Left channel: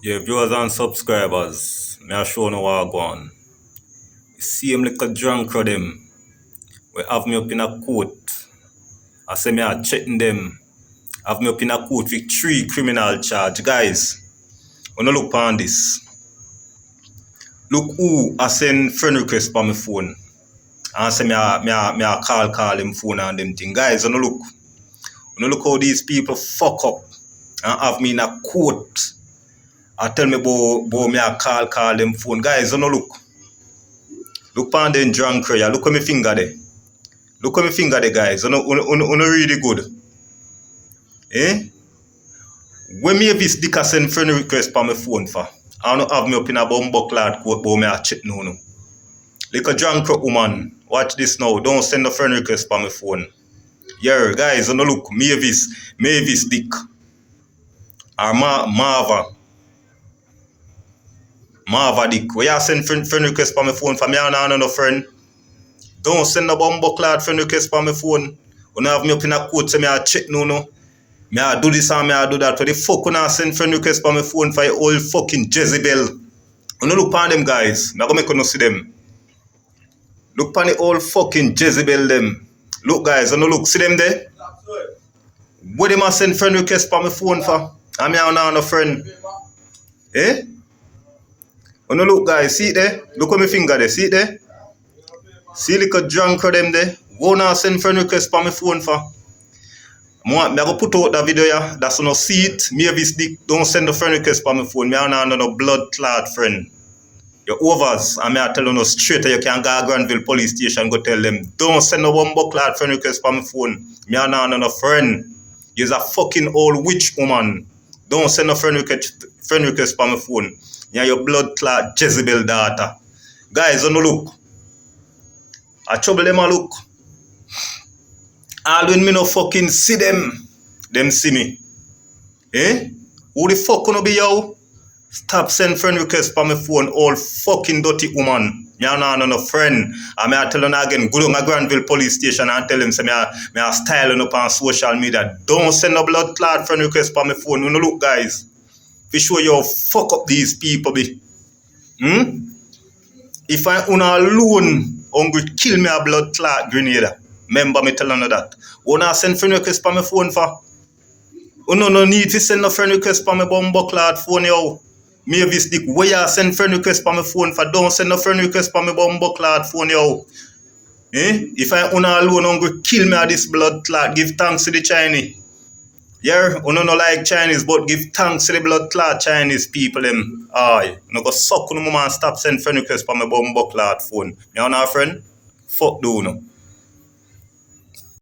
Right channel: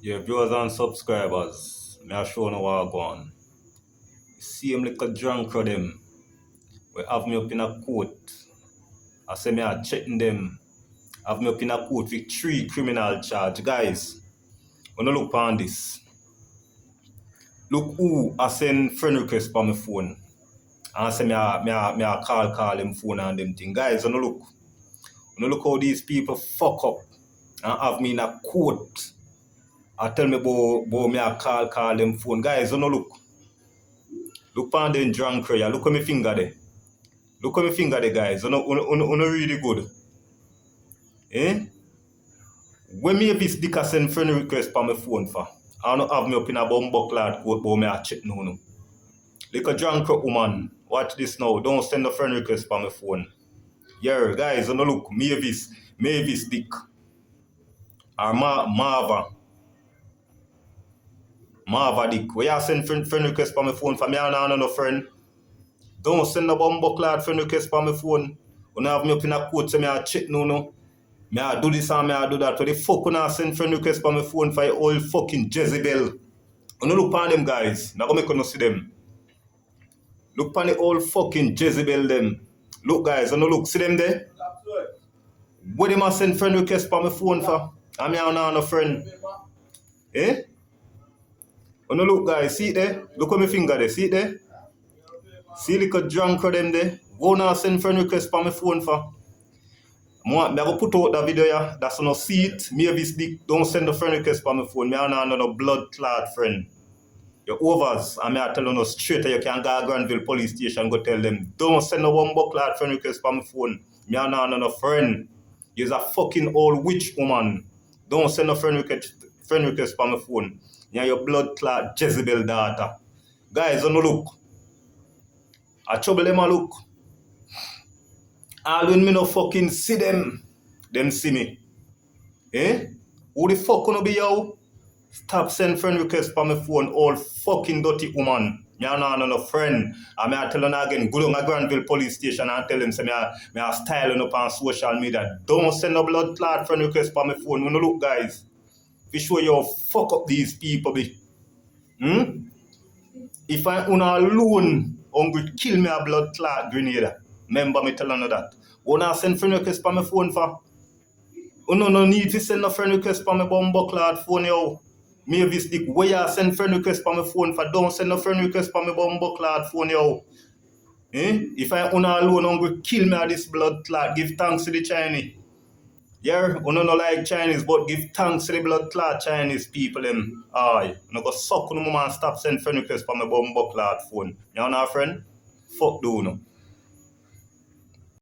Yeah, viewers and subscribers, me a show no what go on. Same little drunk of them. We have me up in a court. I say me a checking them. Have me up in a court with 3 criminal charge. Guys, wanna look on this. Look who I send friend request on my phone. And say me a call him phone and them thing. Guys, wanna look how these people fuck up and have me in a court. I tell me about me a call them phone. Guys, wanna look. Look on them drunk here. Look at my finger there. Look at my finger there, guys. Uno really good. Eh? When me this dick send friend request on my phone for, I don't have me up in a bumbo clad coat, but me a check no. Like a drunk woman. Watch this now. Don't send a friend request on my phone. Yeah, guys, uno look. Mavis dick. Or Marva dick. Where you send friend request on my phone for me and no friend? Don't send a bumbo clad friend request on my phone. Uno have me up in a coat, so me a check no. Me I do this and me I do that. What the fuck when I send friend request on my phone for your old fucking Jezebel? You look on them guys. Me I go make you see them. Look on the old fucking Jezebel them. Look guys, you look. See them there? What them I send friend request on my phone for? And me I no friend. Eh? You look guys, see it there? Look at my finger there, see it there? See like a drunk of them there? What I send friend request on my phone for? Me go put out that video yeah. That's no see it. Me have this dick. Don't send a friend request on my phone. Me and no blood clot friend. You're overs. And me I tell you no straight. You can go to Granville police station go tell them. Don't send no bumbo clot friend request on my phone. Me and no friend. You're a fucking old witch woman. Don't send a friend request on my phone. You're your blood clot Jezebel daughter. Guys, don't look. I trouble them a look. All when me no fucking see them see me. Eh? Who the fuck gonna be yo? Stop send friend request on my phone, all fucking dirty woman. Me and no friend. And me I tell you again, go to my Granville police station and tell them say me I styling up on social media. Don't send no blood clot friend request on my phone. You know look guys. Be sure you fuck up these people be. If I alone hungry kill me a blood clot grenade. Remember me telling you that. Wanna send friend request on my phone for? No need to send a friend request on my bumbo clad phone yo. Me have this dick where you send friend request on my phone for? Don't send a friend request on my bumbo clad phone yo. Eh? If I alone hungry kill me a this blood clot, give thanks to the Chinese. Yeah, no like Chinese, but give thanks to the blood clot Chinese people them. Aye. No go suck no mama and stop send friend request on my bumbo clad phone. You know friend? Fuck do no.